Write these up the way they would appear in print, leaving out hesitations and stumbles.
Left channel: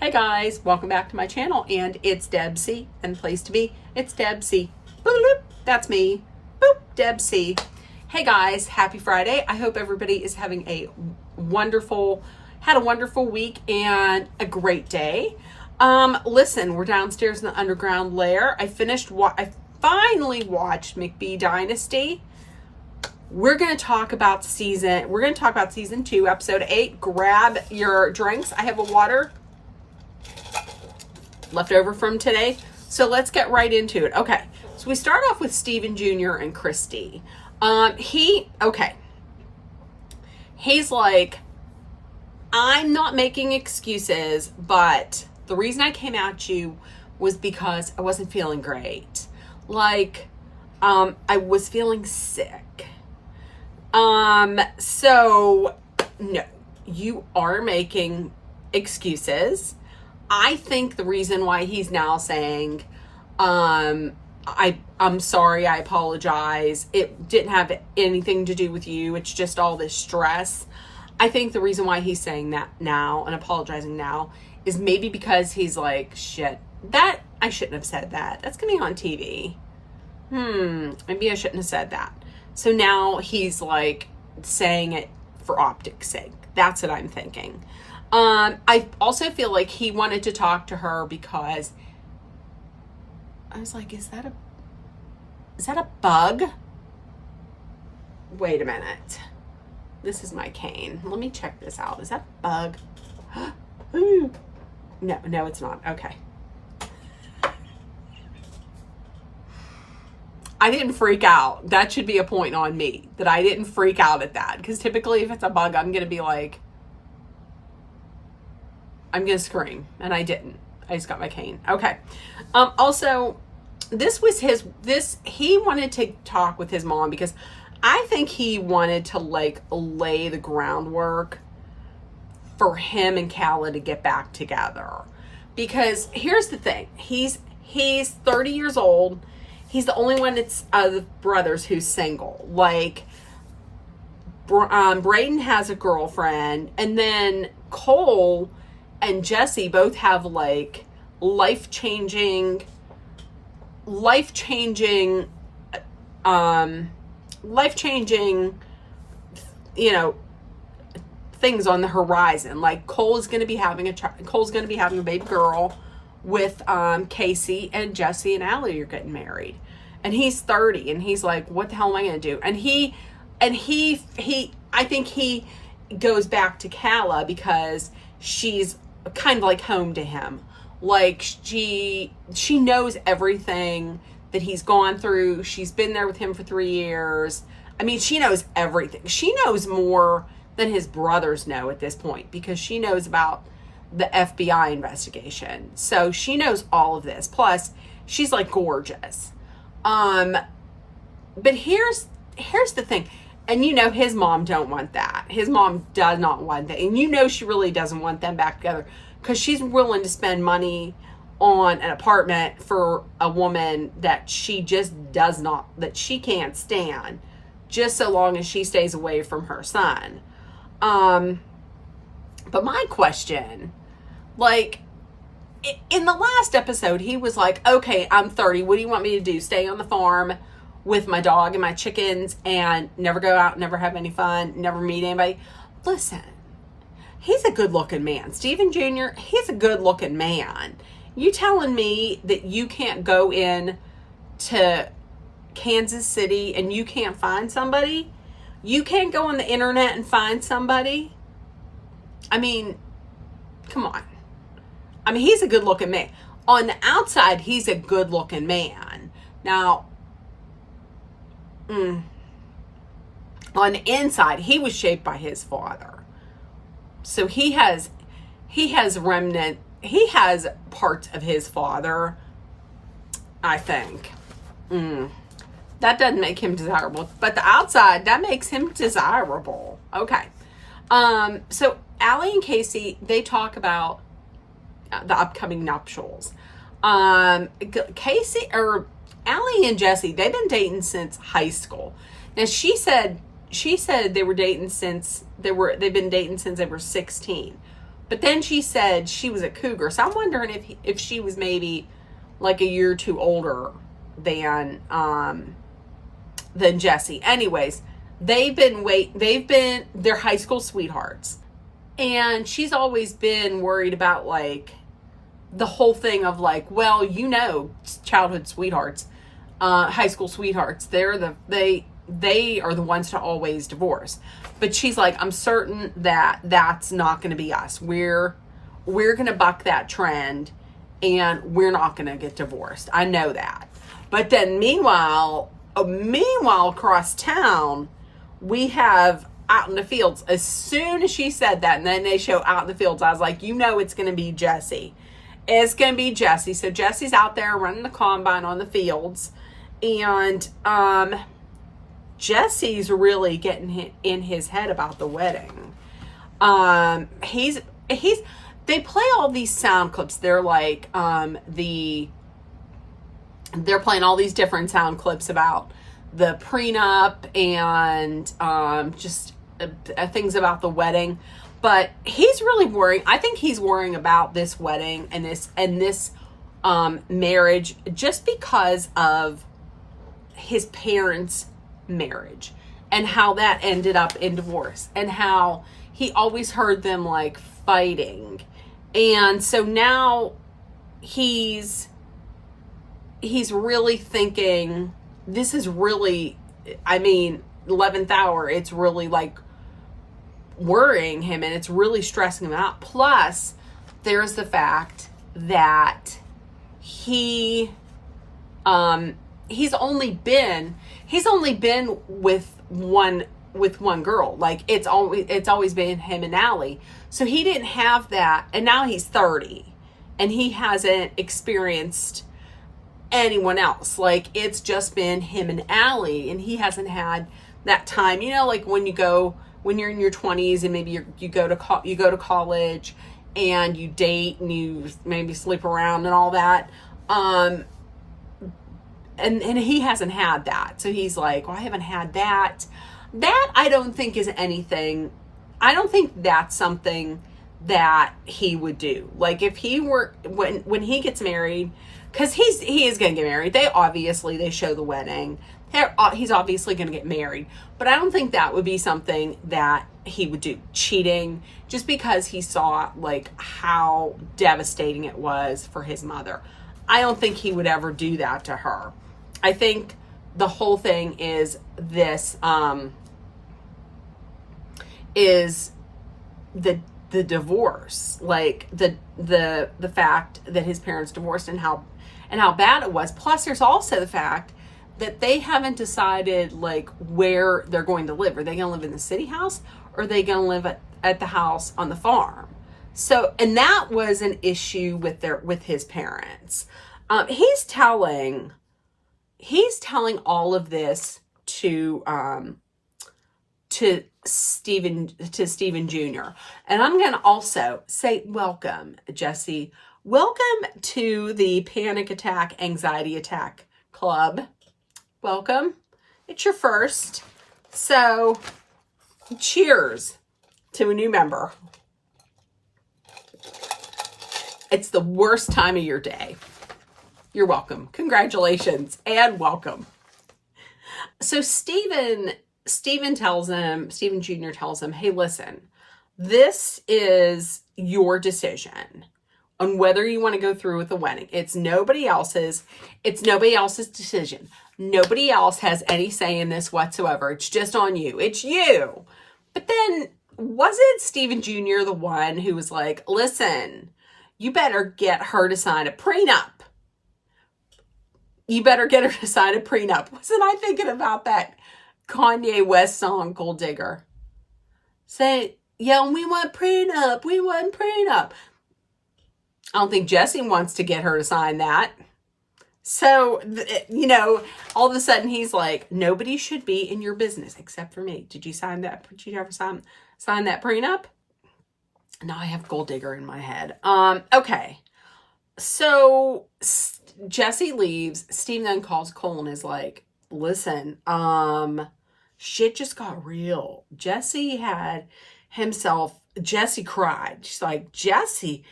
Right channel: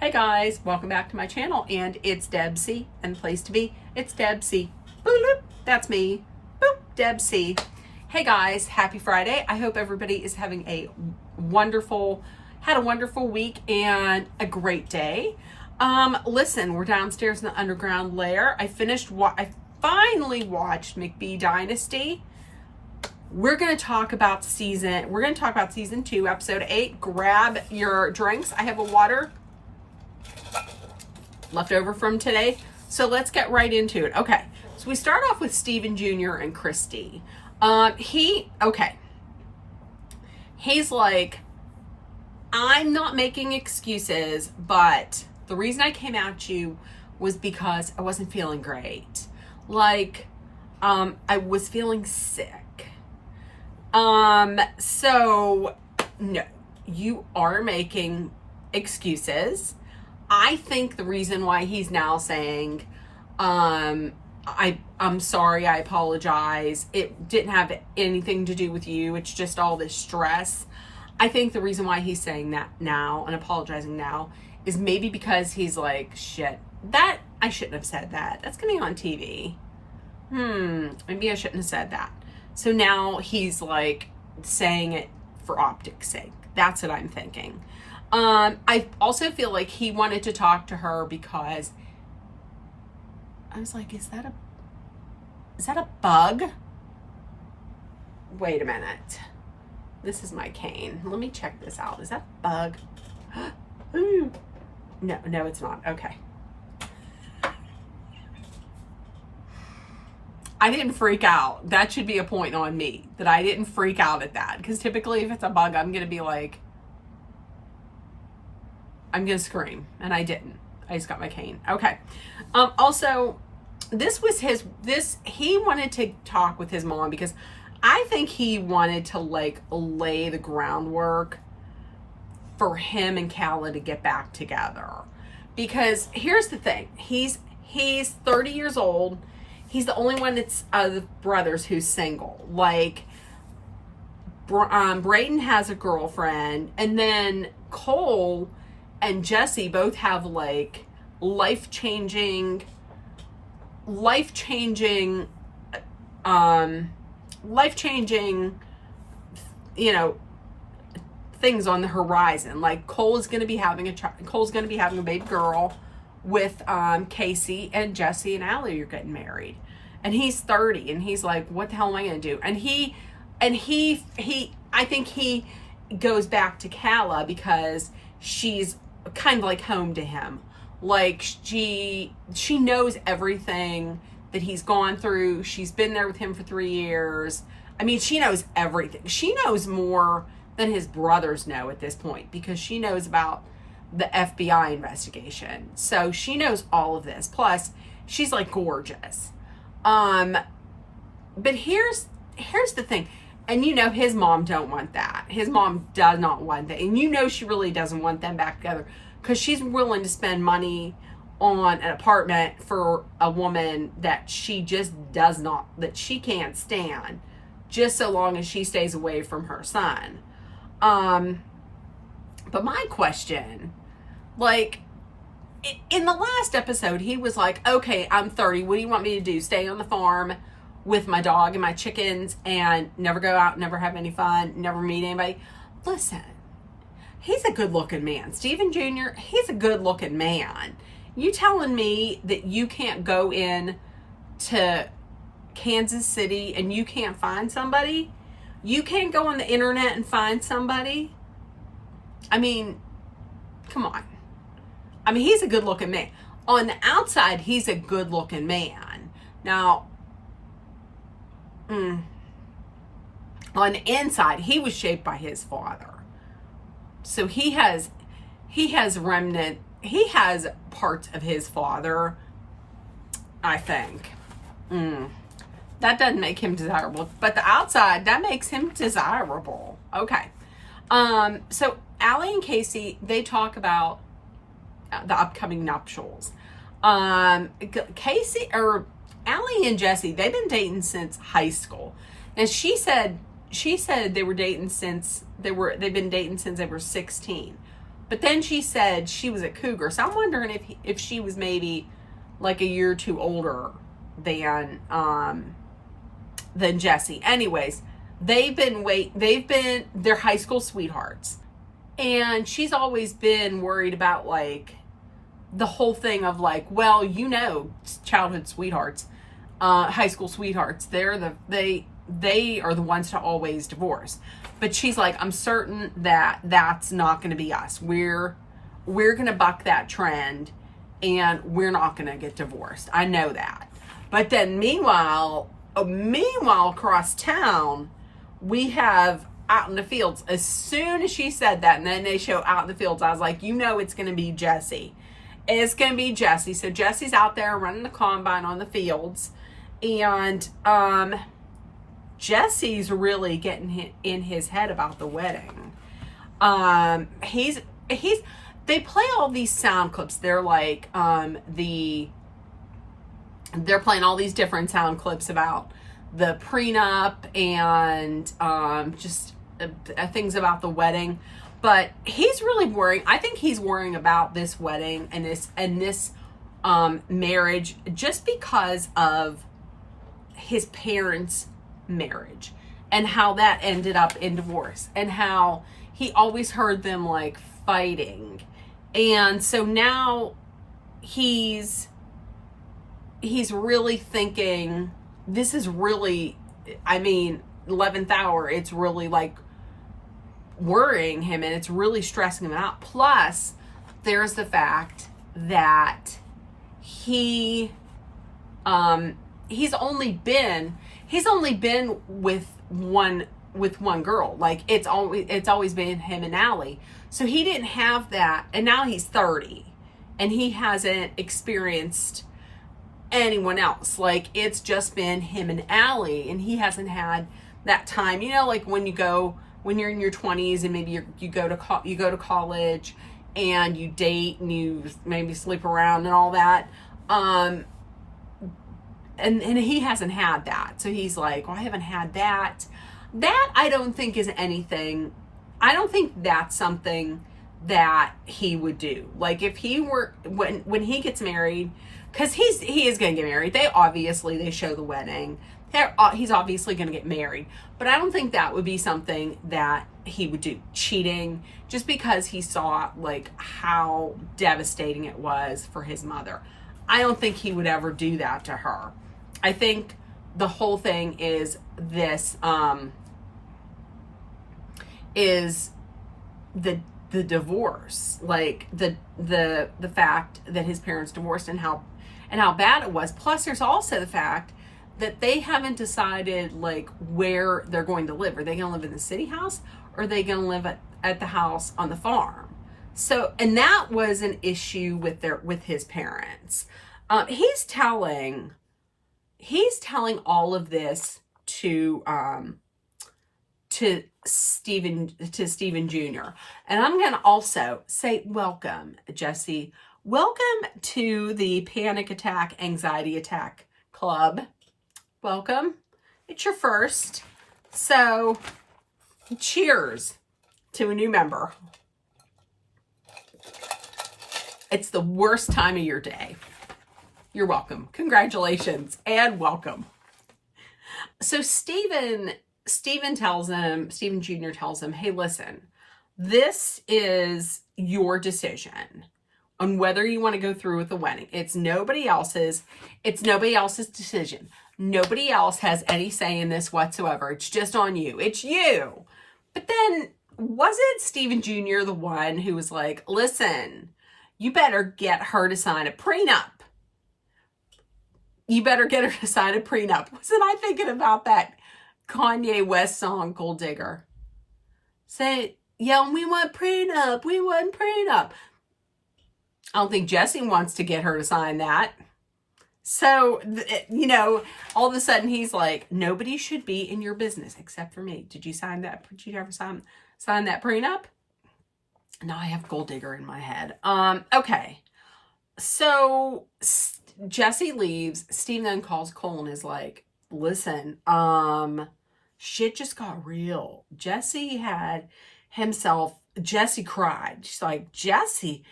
Hey guys, welcome back to my channel, and it's Debsy, and the place to be, it's Debsy. Boop, boop, that's me. Boop, Debsy. Hey guys, happy Friday. I hope everybody is having a wonderful week and a great day. Listen, we're downstairs in the underground lair. I finally watched McBee Dynasty. We're going to talk about season 2, episode 8. Grab your drinks. I have a water left over from today. So let's get right into it. Okay. So we start off with Steven Jr. and Christy. He's like, I'm not making excuses, but the reason I came at you was because I wasn't feeling great. I was feeling sick. So no, you are making excuses. I think the reason why he's now saying, I'm sorry, I apologize, it didn't have anything to do with you, it's just all this stress. I think the reason why he's saying that now and apologizing now is maybe because he's like, shit, that I shouldn't have said that. That's gonna be on TV. Maybe I shouldn't have said that. So now he's like saying it for optics sake. That's what I'm thinking. I also feel like he wanted to talk to her because I was like, is that a bug? Wait a minute. This is my cane. Let me check this out. Is that a bug? Ooh. No, it's not. Okay. I didn't freak out. That should be a point on me that I didn't freak out at that. Because typically if it's a bug, I'm going to be like, I'm going to scream. And I didn't. I just got my cane. Okay. Also, he wanted to talk with his mom because I think he wanted to lay the groundwork for him and Calla to get back together. Because here's the thing. He's 30 years old. He's the only one that's the brothers who's single. Braden has a girlfriend, and then Cole and Jesse both have life-changing, things on the horizon. Like Cole's going to be having a baby girl with Casey, and Jesse and Allie are getting married. And he's 30, and he's like, what the hell am I going to do? And I think he goes back to Calla because she's kind of like home to him. Like she knows everything that he's gone through. She's been there with him for 3 years. I mean, she knows everything. She knows more than his brothers know at this point because she knows about the FBI investigation. So she knows all of this. Plus, she's like gorgeous. But here's the thing. And his mom don't want that. His mom does not want that. And she really doesn't want them back together because she's willing to spend money on an apartment for a woman that she can't stand, just so long as she stays away from her son. But my question, in the last episode, he was like, okay, I'm 30. What do you want me to do? Stay on the farm with my dog and my chickens and never go out, never have any fun, never meet anybody? Listen, he's a good looking man. Steven Jr., he's a good looking man. You telling me that you can't go in to Kansas City and you can't find somebody? You can't go on the internet and find somebody? I mean, come on. I mean, he's a good looking man. On the outside, he's a good looking man. Now, on the inside, he was shaped by his father. So he has parts of his father, I think. That doesn't make him desirable, but the outside, that makes him desirable. Okay. So Allie and Casey, they talk about the upcoming nuptials. Allie and Jesse, they've been dating since high school. Now she said they've been dating since they were 16. But then she said she was a cougar. So I'm wondering if she was maybe like a year or two older than Jesse. Anyways, they're high school sweethearts. And she's always been worried about like the whole thing of like, well, childhood sweethearts, high school sweethearts, they are the ones to always divorce. But she's like, I'm certain that that's not going to be us. We're going to buck that trend, and we're not going to get divorced. I know that. But then meanwhile across town, we have out in the fields. As soon as she said that, and then they show out in the fields, I was like, it's going to be Jesse. It's going to be Jesse. So Jesse's out there running the combine on the fields, and Jesse's really getting in his head about the wedding. They play all these sound clips. They're like, they're playing all these different sound clips about the prenup and just things about the wedding. But he's really worrying. I think he's worrying about this wedding and this marriage just because of his parents' marriage and how that ended up in divorce and how he always heard them like fighting. And so now he's really thinking, this is really, 11th hour, it's really like worrying him and it's really stressing him out. Plus, there's the fact that he's only been with one girl. Like it's always been him and Allie. So he didn't have that, and now he's 30 and he hasn't experienced anyone else. Like it's just been him and Allie, and he hasn't had that time, like when you're in your 20s and maybe you go to college and you date and you maybe sleep around and all that. And he hasn't had that. So he's like, well, I haven't had that. That I don't think is anything. I don't think that's something that he would do. Like if he were, when he gets married, because he is going to get married. They show the wedding. He's obviously going to get married. But I don't think that would be something that he would do. Cheating, just because he saw like how devastating it was for his mother. I don't think he would ever do that to her. I think the whole thing is this, is the divorce, like the fact that his parents divorced and how bad it was. Plus there's also the fact that they haven't decided like where they're going to live. Are they going to live in the city house, or are they going to live at the house on the farm? So, and that was an issue with his parents. He's telling all of this to Stephen Jr. And I'm going to also say, welcome, Jesse. Welcome to the Panic Attack, Anxiety Attack Club. Welcome. It's your first. So, cheers to a new member. It's the worst time of your day. You're welcome. Congratulations and welcome. So Stephen Jr. tells him, hey, listen, this is your decision on whether you want to go through with the wedding. It's nobody else's decision. Nobody else has any say in this whatsoever. It's just on you. It's you. But then wasn't Stephen Jr. the one who was like, listen, you better get her to sign a prenup. You better get her to sign a prenup. Wasn't I thinking about that Kanye West song, Gold Digger? Say, yeah, we want prenup. We want prenup. I don't think Jesse wants to get her to sign that. So, all of a sudden he's like, nobody should be in your business except for me. Did you sign that? Did you ever sign that prenup? Now I have Gold Digger in my head. Okay. So Jesse leaves. Steve then calls Cole and is like, listen, shit just got real. Jesse had himself Jesse cried. She's like, Jesse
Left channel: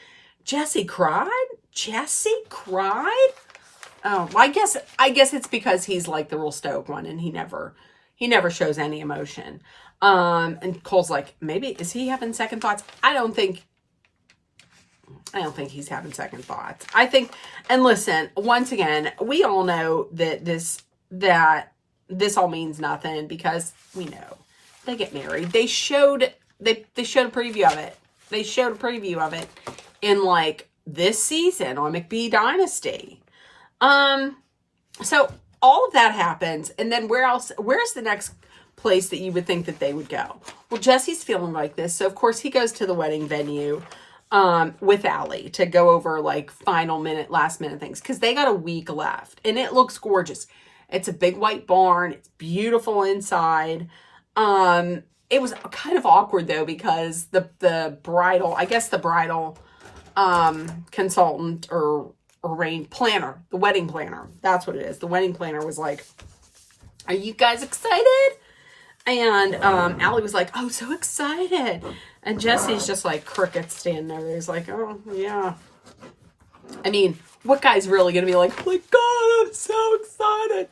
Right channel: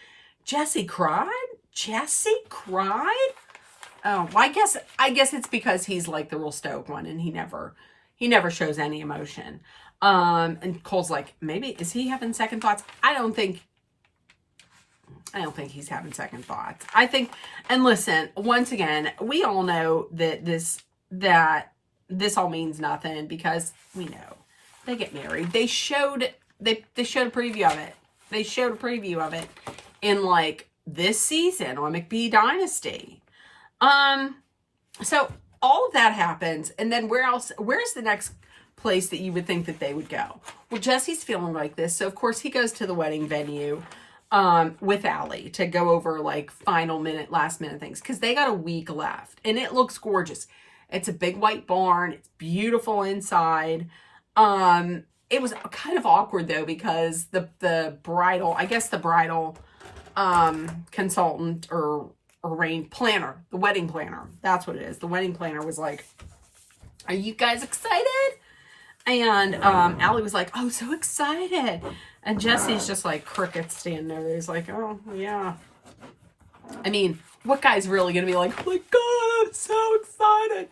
cried? Jesse cried? Oh, well, I guess it's because he's like the real stoic one, and he never shows any emotion. And Cole's like, maybe is he having second thoughts? I don't think he's having second thoughts. I think, and listen, once again, we all know that this all means nothing, because we know they get married. They showed a preview of it. They showed a preview of it in like this season on McBee Dynasty. So all of that happens, and then where's the next place that you would think that they would go? Well, Jesse's feeling like this, so of course he goes to the wedding venue with Allie to go over like last minute things, because they got a week left, and it looks gorgeous. It's a big white barn. It's beautiful inside. It was kind of awkward though, because the bridal consultant or planner, the wedding planner, that's what it is. The wedding planner was like, "Are you guys excited?" And Allie was like, "Oh, so excited." And Jesse's just like crickets standing there. He's like, "Oh, yeah." I mean, what guy's really going to be like, "Oh my God, I'm so excited."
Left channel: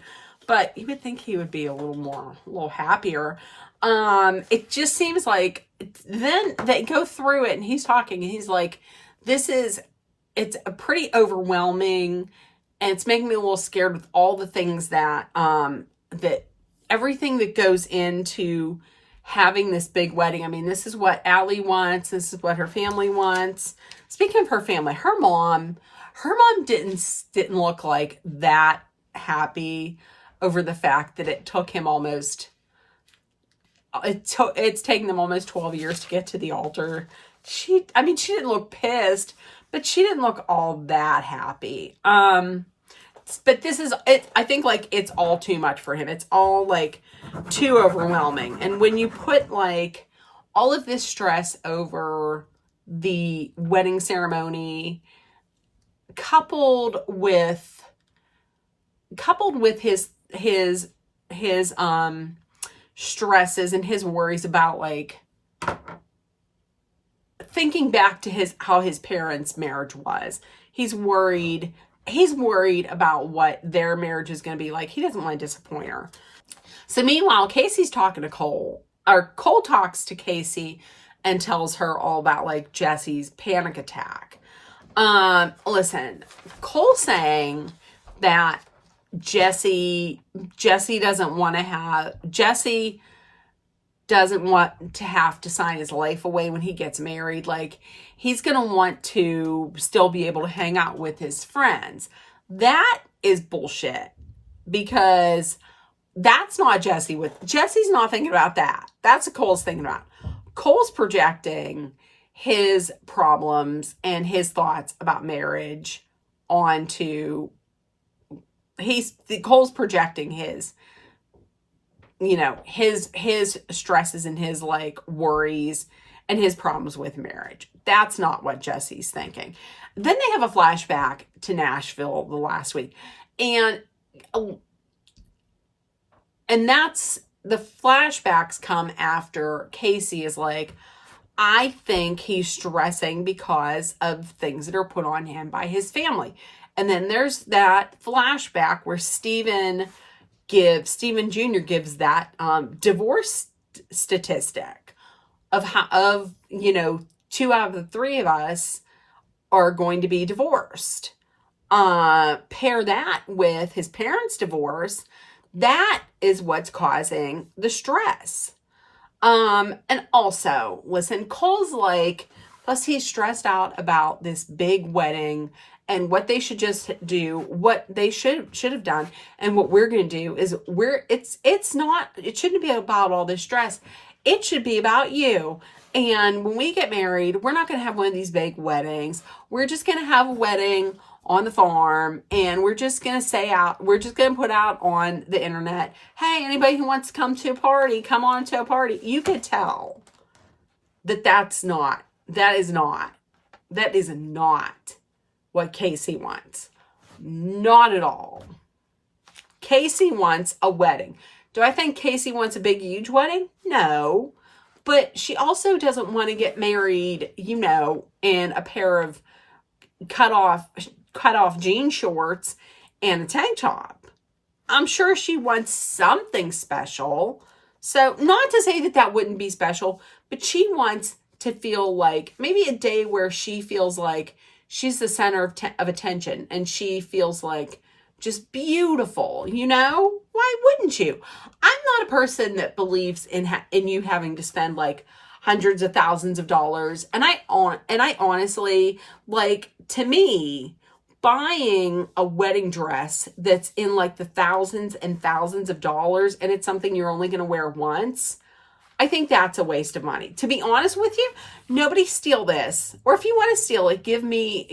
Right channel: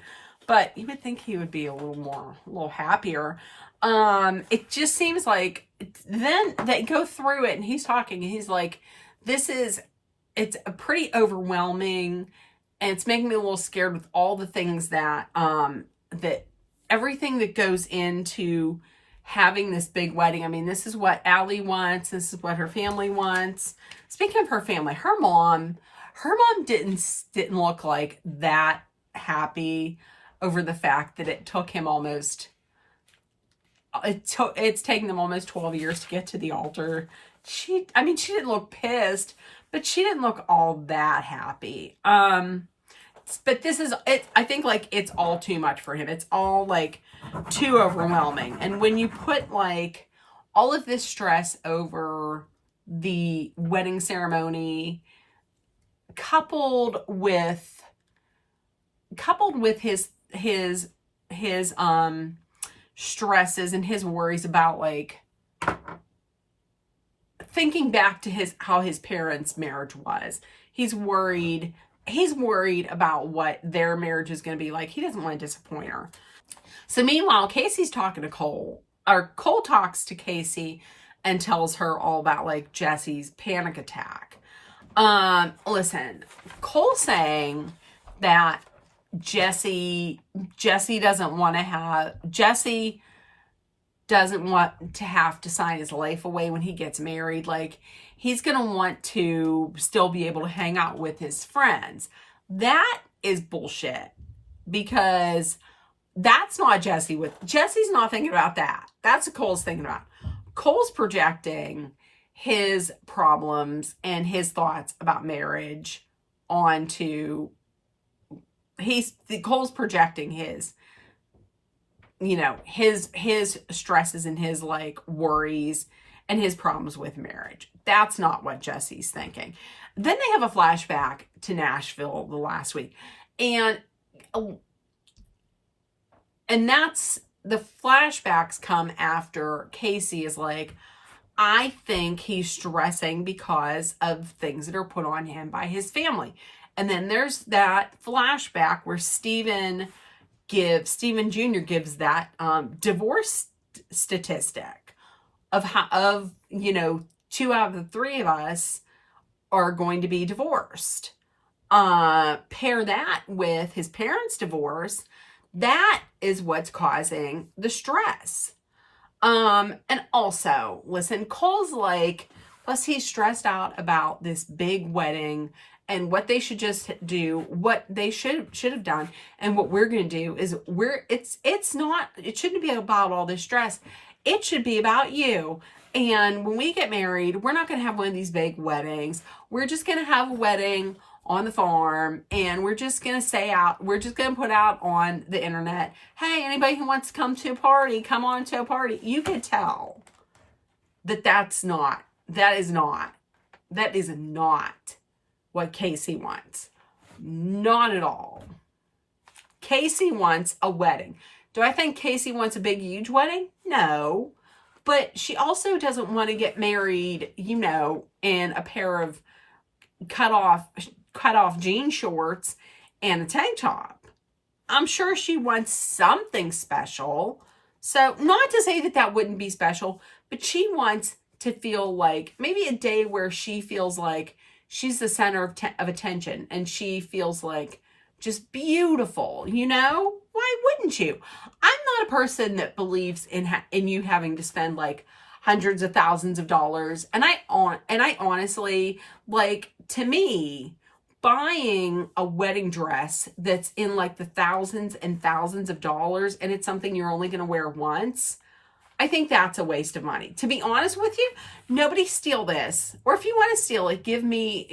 But you would think he would be a little happier. It just seems like, then they go through it and he's talking and he's like, it's a pretty overwhelming, and it's making me a little scared with all the things that everything that goes into having this big wedding. I mean, this is what Allie wants. This is what her family wants. Speaking of her family, her mom didn't look like that happy over the fact that it took him it's taken them almost 12 years to get to the altar. She didn't look pissed, but she didn't look all that happy. But this is it. I think like it's all too much for him. It's all like too overwhelming. And when you put like all of this stress over the wedding ceremony, coupled with his stresses and his worries about like thinking back to how his parents' marriage was. He's worried about what their marriage is going to be like. He doesn't want to disappoint her. So meanwhile, Casey's talking to Cole, or Cole talks to Casey and tells her all about like Jesse's panic attack. Listen, Cole saying that Jesse doesn't want to have to sign his life away when he gets married. Like, he's going to want to still be able to hang out with his friends. That is bullshit, because that's not Jesse. Jesse's not thinking about that. That's what Cole's thinking about. Cole's projecting his problems and his thoughts about marriage onto, Cole's projecting his stresses and his like worries and his problems with marriage. That's not what Jesse's thinking. Then they have a flashback to Nashville the last week. And that's, the flashbacks come after Casey is like, I think he's stressing because of things that are put on him by his family. And then there's that flashback where Steven Jr. gives that divorce statistic of how 2 out of the 3 of us are going to be divorced. Pair that with his parents' divorce, that is what's causing the stress. And also, listen, Cole's like, plus he's stressed out about this big wedding and what they should just do, what they should have done, and what we're going to do is it shouldn't be about all this stress. It should be about you. And when we get married, we're not going to have one of these big weddings. We're just going to have a wedding on the farm, and we're just going to put out on the internet, hey, anybody who wants to come to a party, come on to a party. You could tell that is not what Casey wants. Not at all. Casey wants a wedding. Do I think Casey wants a big, huge wedding? No. But she also doesn't want to get married, you know, in a pair of cut off jean shorts and a tank top. I'm sure she wants something special. So not to say that that wouldn't be special, but she wants to feel like maybe a day where she feels like she's the center of attention and she feels like just beautiful, you know? Why wouldn't you? I'm not a person that believes in you having to spend like hundreds of thousands of dollars. And I honestly, like, to me, buying a wedding dress that's in like the thousands and thousands of dollars and it's something you're only going to wear once, I think that's a waste of money. To be honest with you, nobody steal this. Or if you want to steal it, give me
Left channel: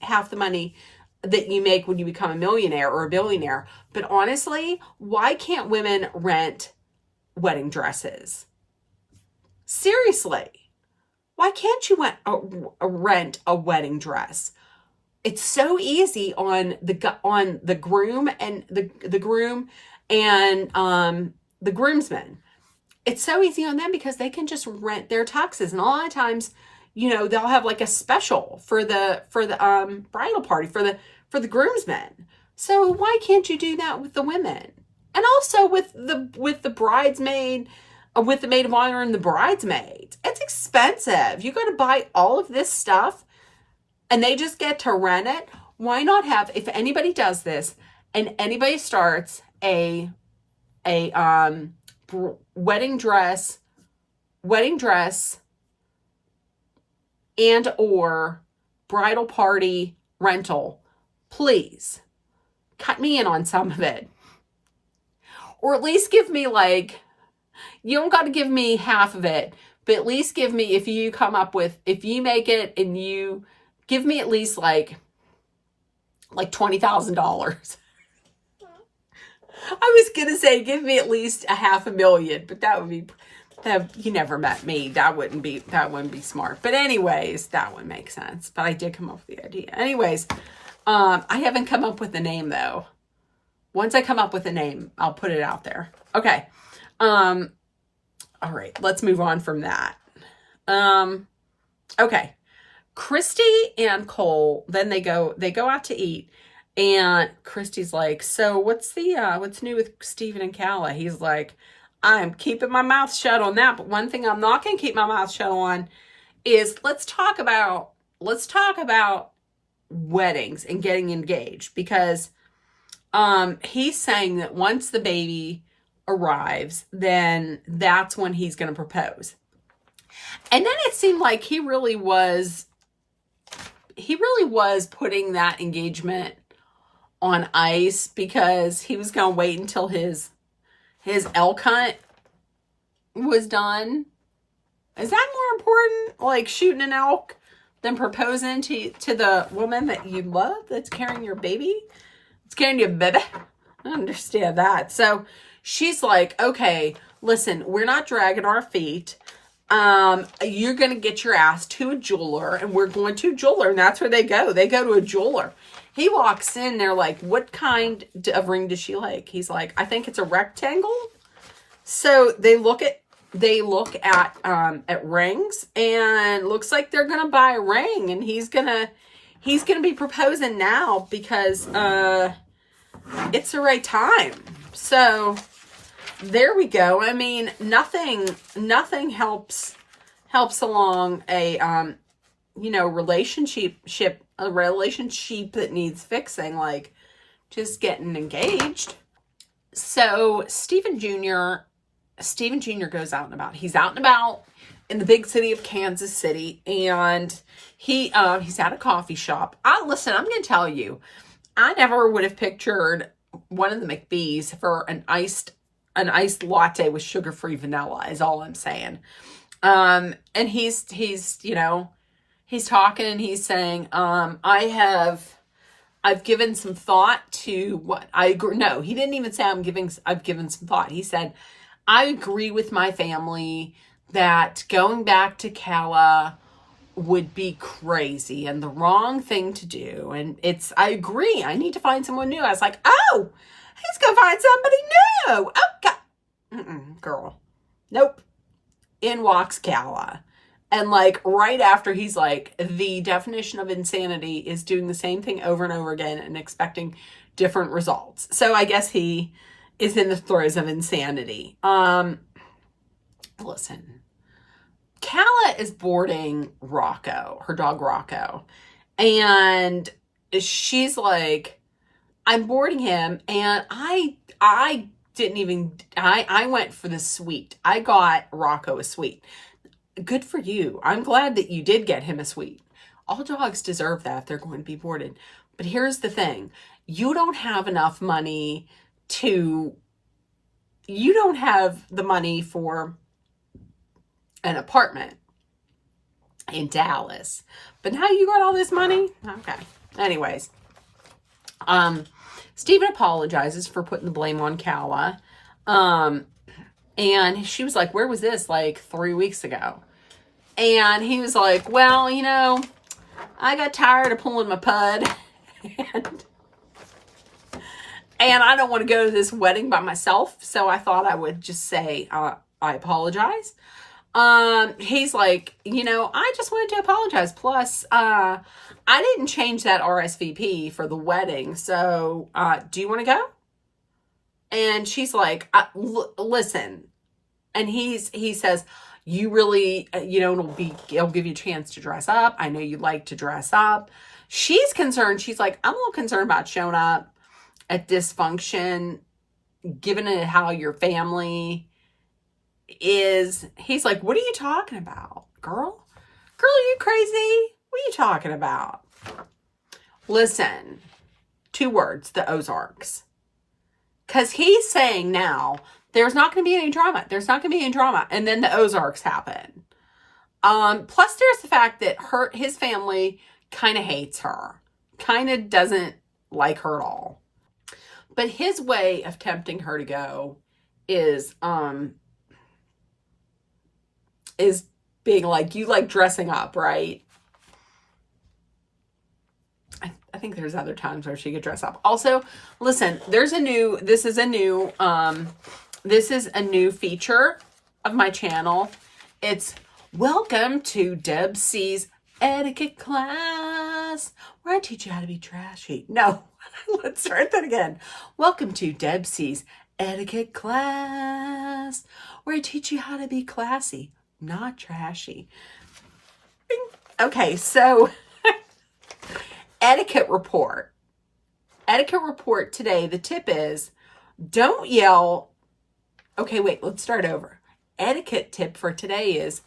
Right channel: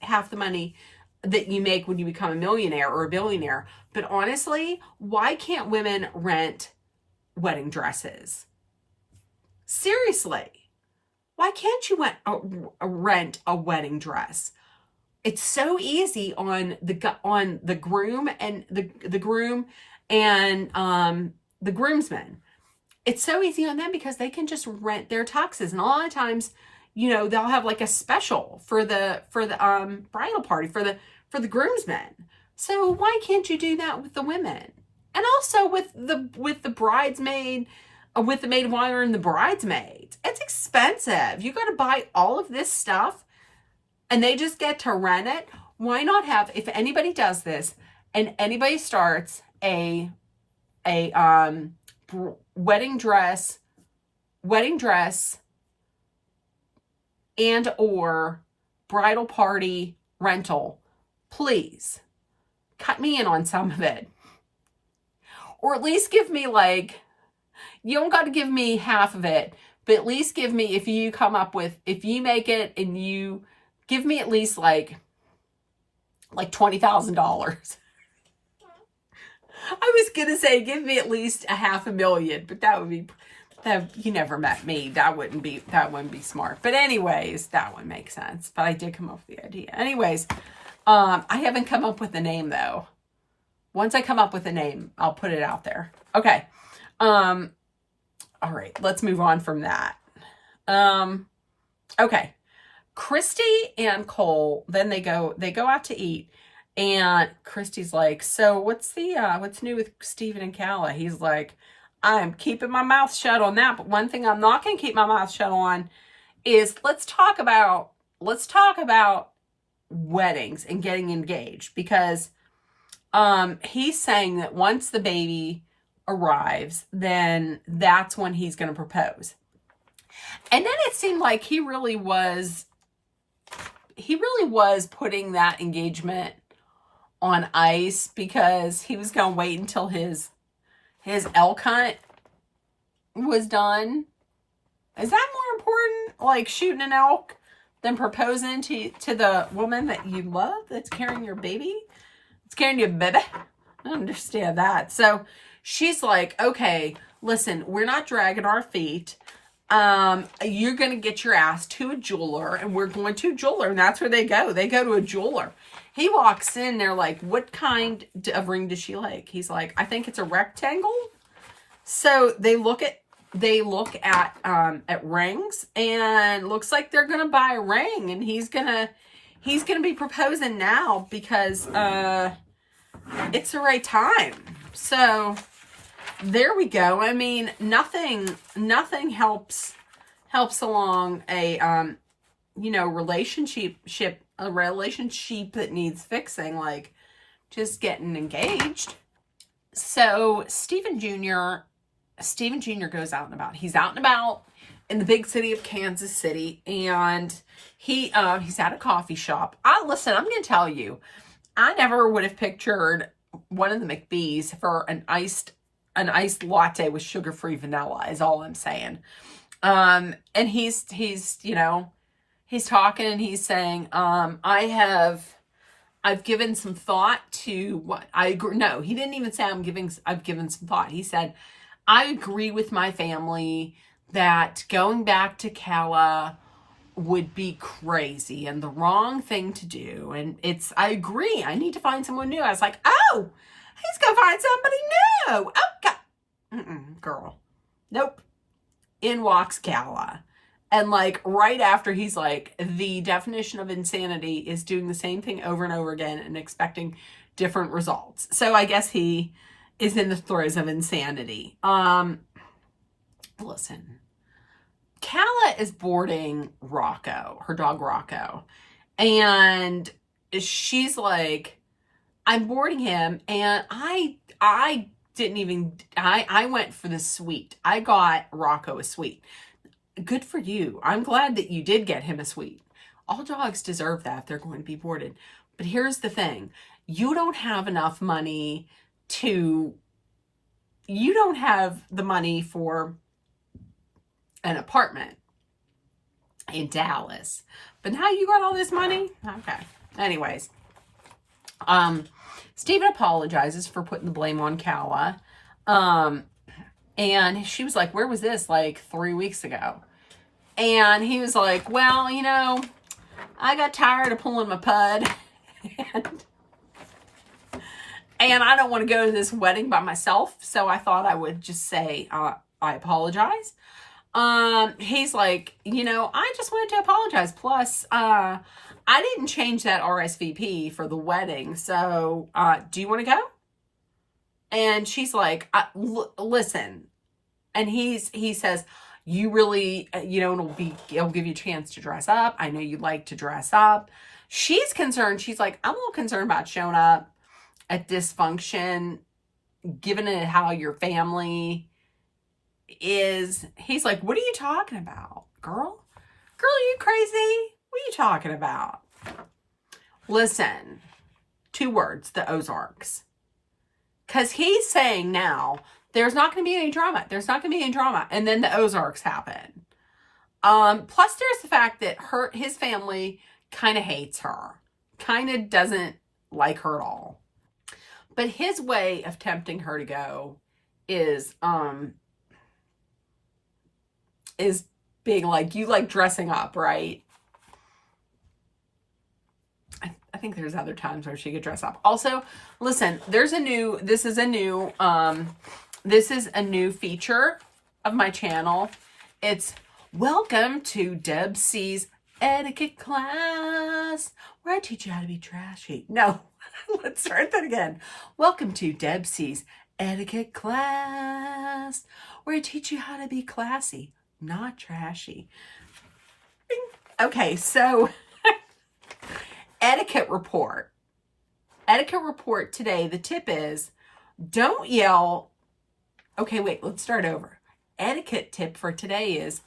half the money that you make when you become a millionaire or a billionaire. But honestly, why can't women rent wedding dresses? Seriously. Why can't you rent a wedding dress? It's so easy on the groom and the groom and the groomsmen. It's so easy on them because they can just rent their tuxes, and a lot of times, you know, they'll have like a special for the bridal party for the groomsmen. So why can't you do that with the women? And also with the bridesmaid, with the maid of honor and the bridesmaids. It's expensive. You got to buy all of this stuff and they just get to rent it. Why not have, if anybody does this and anybody starts a wedding dress and or bridal party rental, please cut me in on some of it. Or at least give me like, you don't got to give me half of it, but at least give me, if you make it and you give me at least like $20,000. I was going to say, give me at least $500,000, but you never met me. That wouldn't be smart. But anyways, that would make sense. But I did come up with the idea. Anyways, I haven't come up with a name though. Once I come up with a name, I'll put it out there. Okay. All right, let's move on from that. Okay. Christy and Cole, then they go out to eat, and Christy's like, so what's new with Steven and Calla? He's like, I'm keeping my mouth shut on that, but one thing I'm not going to keep my mouth shut on is let's talk about weddings and getting engaged, because he's saying that once the baby arrives, then that's when he's going to propose. And then it seemed like he really was putting that engagement on ice because he was going to wait until his elk hunt was done. Is that more important, like shooting an elk, than proposing to the woman that you love that's carrying your baby? It's carrying your baby. I understand that. So she's like, okay, listen, we're not dragging our feet. You're going to get your ass to a jeweler, and we're going to a jeweler, and that's where they go. They go to a jeweler. He walks in, they're like, what kind of ring does she like? He's like, I think it's a rectangle. So they look at rings, and looks like they're going to buy a ring, and he's going to be proposing now because it's the right time. So there we go. I mean, nothing helps along a relationship that needs fixing, like just getting engaged. So Stephen Jr. goes out and about. He's out and about in the big city of Kansas City, and he's at a coffee shop. I'm going to tell you, I never would have pictured one of the McBees for an iced latte with sugar-free vanilla, is all I'm saying. And he's talking and he's saying, I've given some thought to what I agree. No, he didn't even say I've given some thought. He said, I agree with my family that going back to Calla would be crazy and the wrong thing to do. And I agree. I need to find someone new. I was like, oh, he's going to find somebody new. Oh, God. Girl. Nope. in walks Calla. And like right after, he's like, the definition of insanity is doing the same thing over and over again and expecting different results. So I guess he is in the throes of insanity. Listen, Calla is boarding Rocco, her dog Rocco. And she's like, I'm boarding him, and I didn't even, I went for the suite. I got Rocco a suite. Good for you. I'm glad that you did get him a suite. All dogs deserve that if they're going to be boarded. But here's the thing. You don't have enough money you don't have the money for an apartment in Dallas. But now you got all this money? Okay. Anyways. Steven apologizes for putting the blame on Calla. And she was like, where was this? Like 3 weeks ago. And he was like, well, I got tired of pulling my pud. And I don't want to go to this wedding by myself. So I thought I would just say, I apologize. He's like, I just wanted to apologize. Plus, I didn't change that RSVP for the wedding. So, do you want to go? And she's like, listen. And he says, you really, it'll give you a chance to dress up. I know you like to dress up. She's concerned. She's like, I'm a little concerned about showing up at dysfunction, given it how your family is. He's like, what are you talking about, girl? Girl, are you crazy? What are you talking about? Listen, 2 words, the Ozarks. Because he's saying now, there's not going to be any drama. There's not going to be any drama. And then the Ozarks happen. Plus, there's the fact that his family kind of hates her. Kind of doesn't like her at all. But his way of tempting her to go is being like, you like dressing up, right? I think there's other times where she could dress up. Also, listen, this is a new feature of my channel. It's welcome to Deb C's etiquette class, where I teach you how to be trashy. No, let's start that again. Welcome to Deb C's etiquette class, where I teach you how to be classy, not trashy. Okay, so etiquette report today. The tip is, don't yell. Okay, wait, let's start over. Etiquette tip for today is,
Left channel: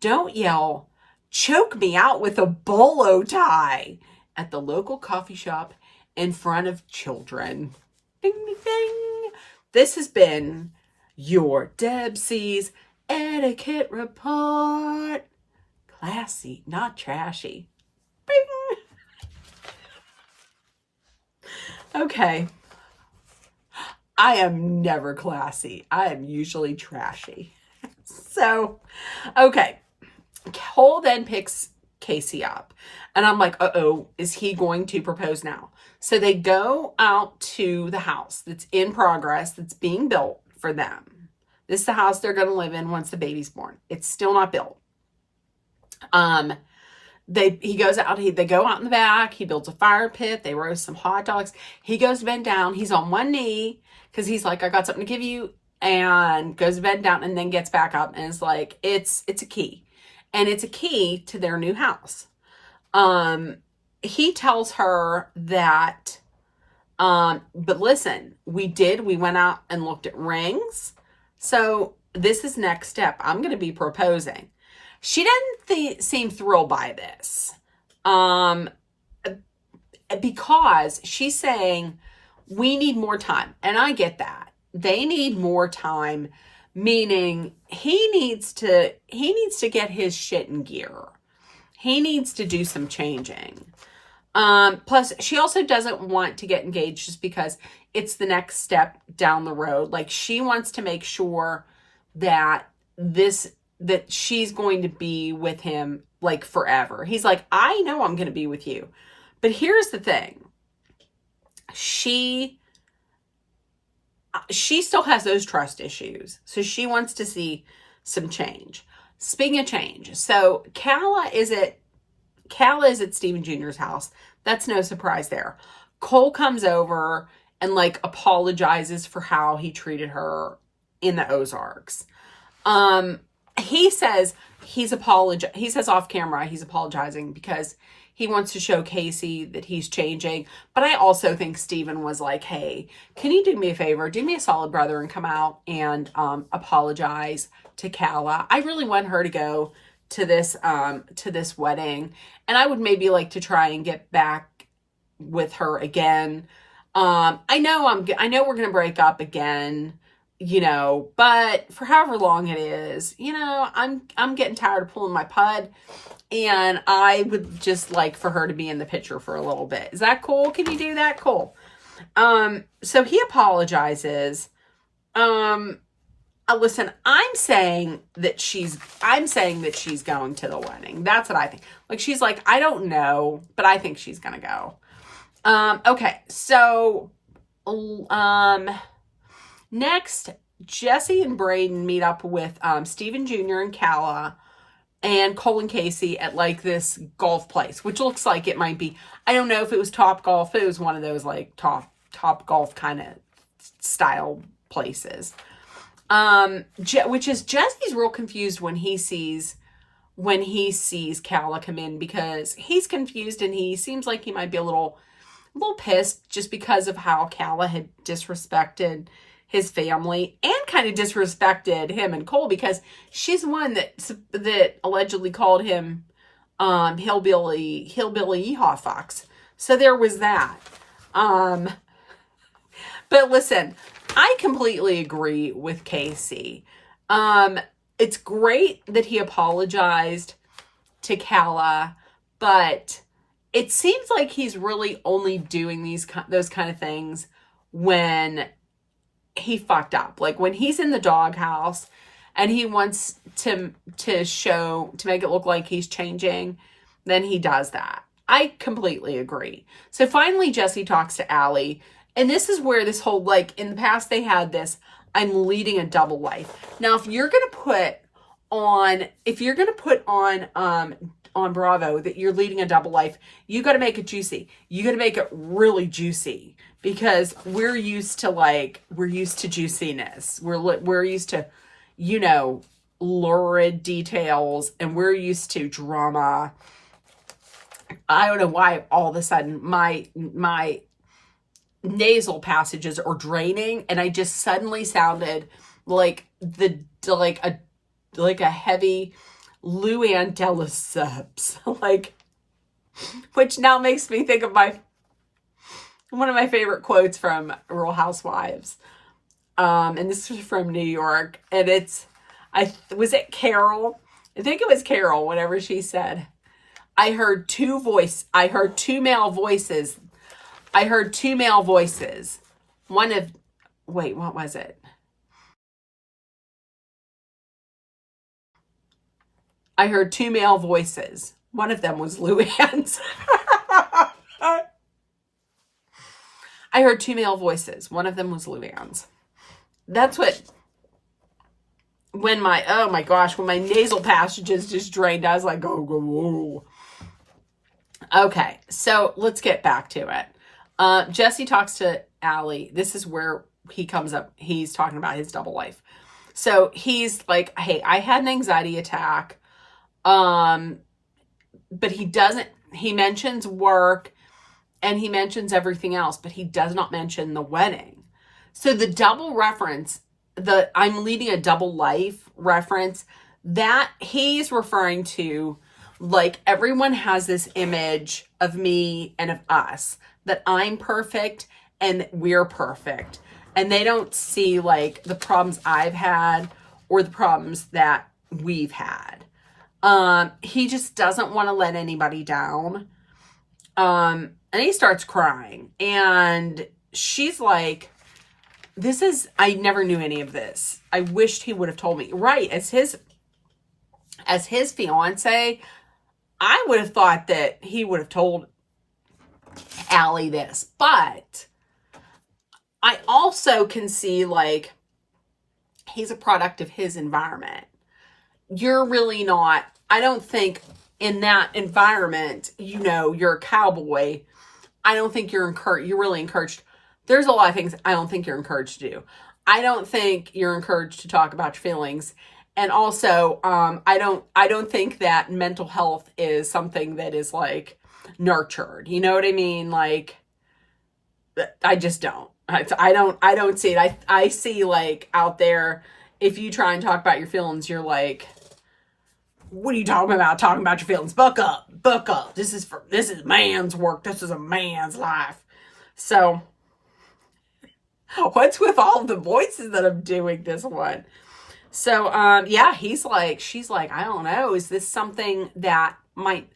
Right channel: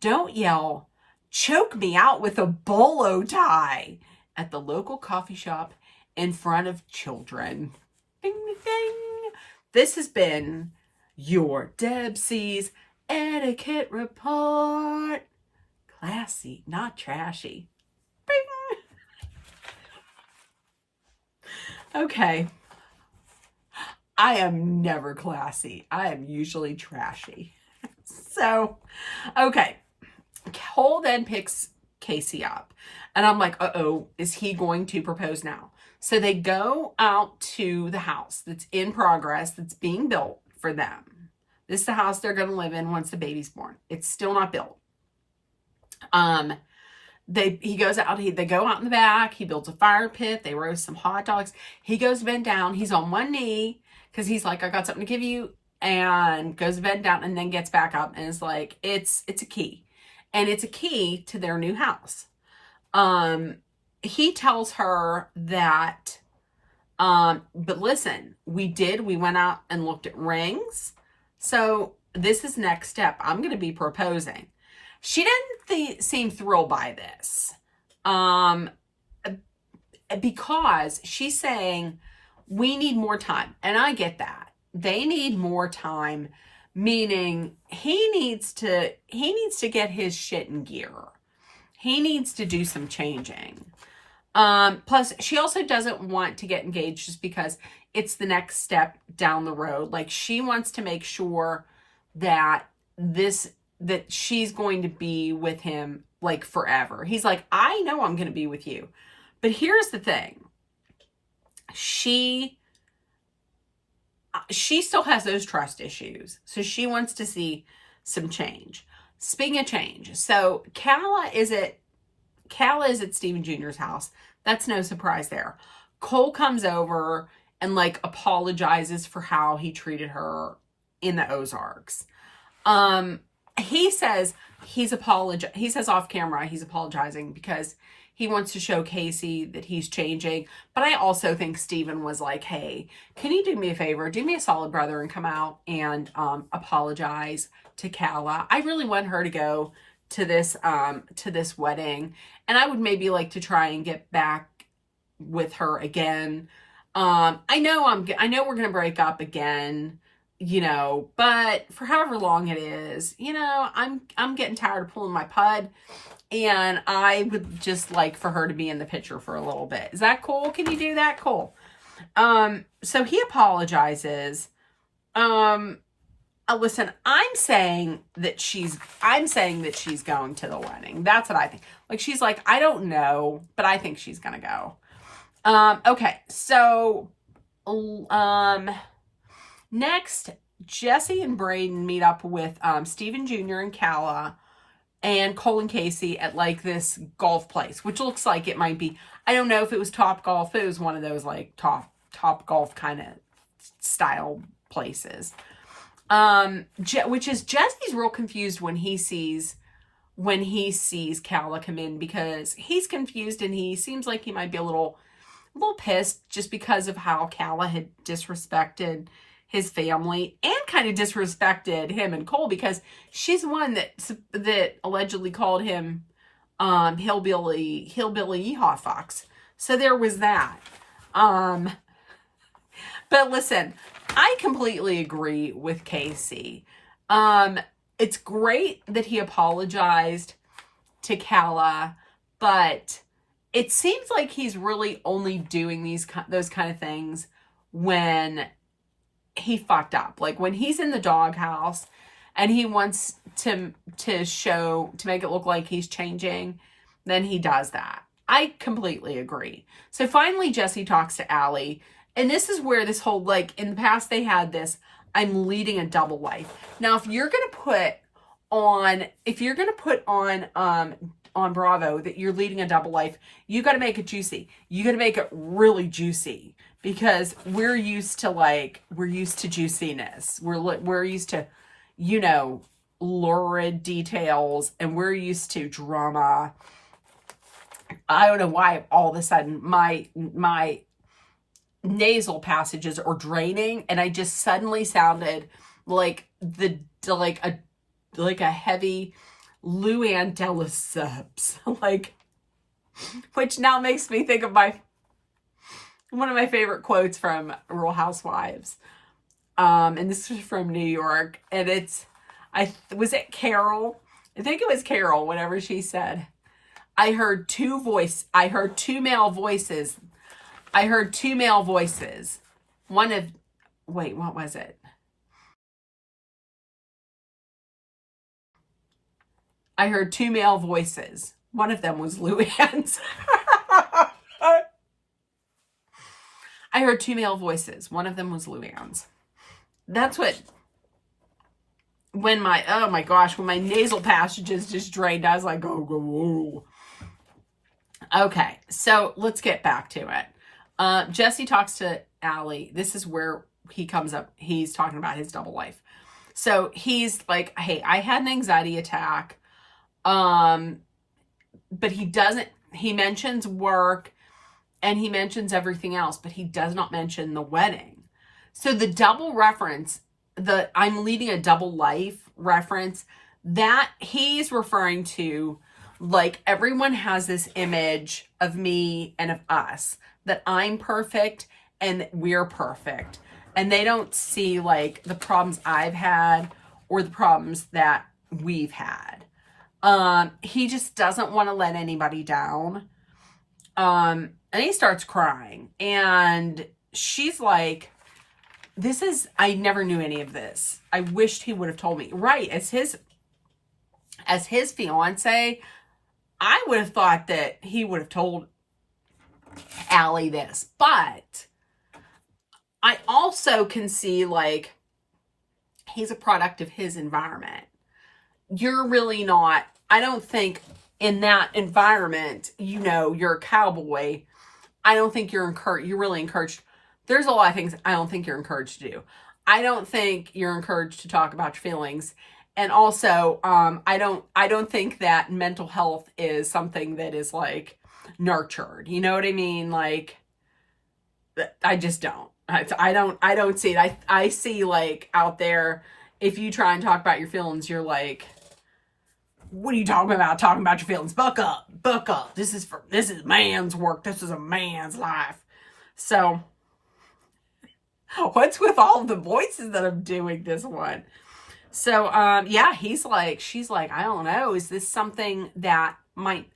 don't yell, choke me out with a bolo tie at the local coffee shop in front of children. Ding, ding, ding. This has been your Deb C's etiquette report. Classy, not trashy. Bing. Okay. I am never classy. I am usually trashy. So, okay. Cole then picks Casey up. And I'm like, uh-oh, is he going to propose now? So they go out to the house that's in progress, that's being built for them. This is the house they're going to live in once the baby's born. It's still not built. He goes out, they go out in the back, he builds a fire pit, they roast some hot dogs. He goes to bed down, he's on one knee, because he's like, I got something to give you, and goes to bed down, and then gets back up, and is like, it's a key. And it's a key to their new house. He tells her that, but listen, we went out and looked at rings. So this is next step. I'm going to be proposing. She doesn't seem thrilled by this. Because she's saying, we need more time. And I get that. They need more time, meaning he needs to get his shit in gear. He needs to do some changing. Plus, she also doesn't want to get engaged just because it's the next step down the road. Like, she wants to make sure that she's going to be with him like forever. He's like, I know I'm going to be with you. But here's the thing. She still has those trust issues. So she wants to see some change. speaking of change, so Calla is at Stephen Jr.'s house. That's no surprise there. Cole comes over and like apologizes for how he treated her in the Ozarks. He says he says off camera he's apologizing because he wants to show Casey that he's changing. But I also think Stephen was like, hey, can you do me a favor? Do me a solid, brother, and come out and apologize to Calla. I really want her to go to this wedding. And I would maybe like to try and get back with her again. I know we're going to break up again, you know, but for however long it is, you know, I'm getting tired of pulling my pud, and I would just like for her to be in the picture for a little bit. Is that cool? Can you do that? Cool. So he apologizes. Listen, I'm saying that she's going to the wedding. That's what I think. Like, she's like, I don't know, but I think she's going to go. Okay. So, next, Jesse and Braden meet up with, Stephen Jr. and Calla and Cole and Casey at like this golf place, which looks like it might be, I don't know if it was Top Golf. It was one of those like top golf kind of style places. Which is Jesse's real confused when he sees Calla come in, because he's confused and he seems like he might be a little pissed just because of how Calla had disrespected his family and kind of disrespected him and Cole, because she's the one that allegedly called him hillbilly yeehaw fox. So there was that. But listen, I completely agree with Casey. It's great that he apologized to Calla, but it seems like he's really only doing those kind of things when he fucked up. Like when he's in the doghouse and he wants to make it look like he's changing, then he does that. I completely agree. So finally, Jesse talks to Allie. And this is where this whole, like, in the past they had this, I'm leading a double life. Now, if you're going to put on Bravo that you're leading a double life, you got to make it juicy. You got to make it really juicy, because we're used to juiciness. We're used to, you know, lurid details, and we're used to drama. I don't know why all of a sudden my nasal passages are draining, and I just suddenly sounded like a heavy Luann de Lesseps, like, which now makes me think of one of my favorite quotes from Real Housewives. And this is from New York, and was it Carol? I think it was Carol, whenever she said, I heard two male voices. Wait, what was it? I heard two male voices. One of them was Luann's. I heard two male voices. One of them was Luann's. That's what, when my nasal passages just drained, I was like, oh. Okay, so let's get back to it. Jesse talks to Allie. This is where he comes up. He's talking about his double life. So he's like, hey, I had an anxiety attack. But he mentions work and he mentions everything else, but he does not mention the wedding. So the double reference, I'm leading a double life reference, that he's referring to, like, everyone has this image of me and of us, that I'm perfect and that we're perfect. And they don't see, like, the problems I've had or the problems that we've had. He just doesn't want to let anybody down. And he starts crying. And she's like, I never knew any of this. I wished he would have told me. Right, as his fiance, I would have thought that he would have told Allie this. But I also can see, like, he's a product of his environment. you're really not, I don't think in that environment, you know, you're a cowboy. I don't think you're really encouraged. There's a lot of things I don't think you're encouraged to do. I don't think you're encouraged to talk about your feelings. And also, I don't think that mental health is something that is like nurtured. You know what I mean? Like, I just don't. I don't see it. I see like out there, if you try and talk about your feelings, you're like, what are you talking about? Talking about your feelings. Buck up. Buck up. This is man's work. This is a man's life. So, what's with all the voices that I'm doing this one? So, yeah, she's like, I don't know. Is this something that might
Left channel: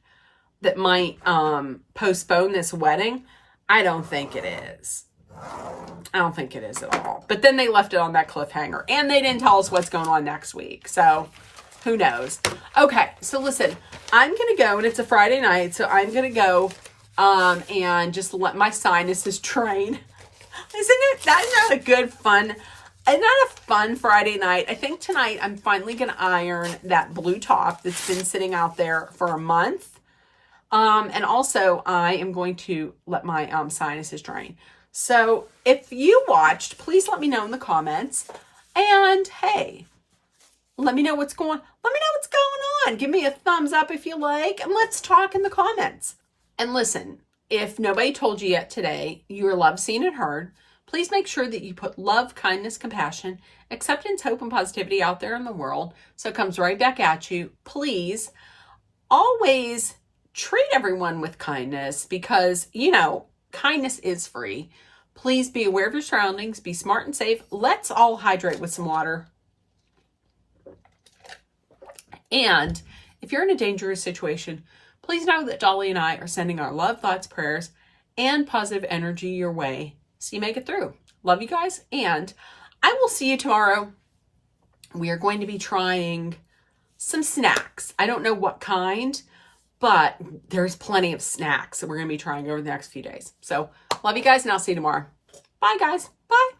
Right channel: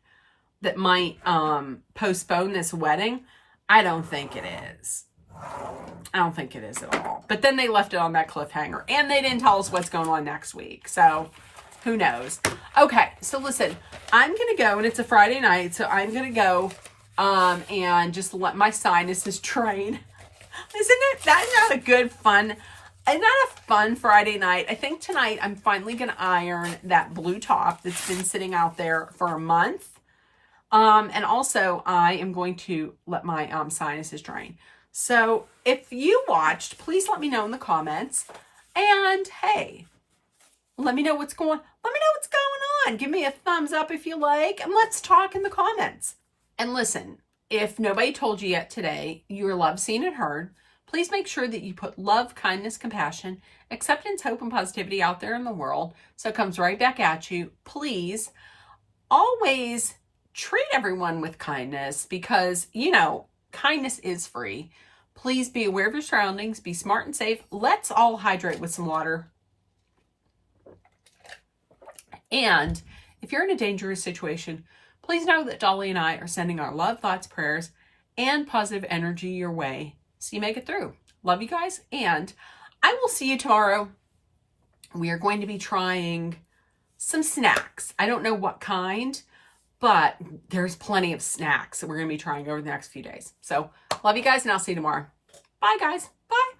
postpone this wedding? I don't think it is. I don't think it is at all. But then they left it on that cliffhanger, and they didn't tell us what's going on next week. So, who knows? Okay, so listen, I'm going to go, and it's a Friday night, so I'm going to go and just let my sinuses drain. Isn't it? That's not a good, fun, and not a fun Friday night. I think tonight I'm finally going to iron that blue top that's been sitting out there for a month. And also I am going to let my sinuses drain. So if you watched, please let me know in the comments. And hey, let me know what's going on. Give me a thumbs up if you like, and let's talk in the comments. And listen, if nobody told you yet today, you are loved, seen, and heard. Please make sure that you put love, kindness, compassion, acceptance, hope, and positivity out there in the world so it comes right back at you. Please always treat everyone with kindness because, you know, kindness is free. Please be aware of your surroundings. Be smart and safe. Let's all hydrate with some water. And if you're in a dangerous situation, please know that Dolly and I are sending our love, thoughts, prayers, and positive energy your way so you make it through. Love you guys, and I will see you tomorrow. We are going to be trying some snacks. I don't know what kind, but there's plenty of snacks that we're going to be trying over the next few days. So love you guys, and I'll see you tomorrow. Bye, guys. Bye.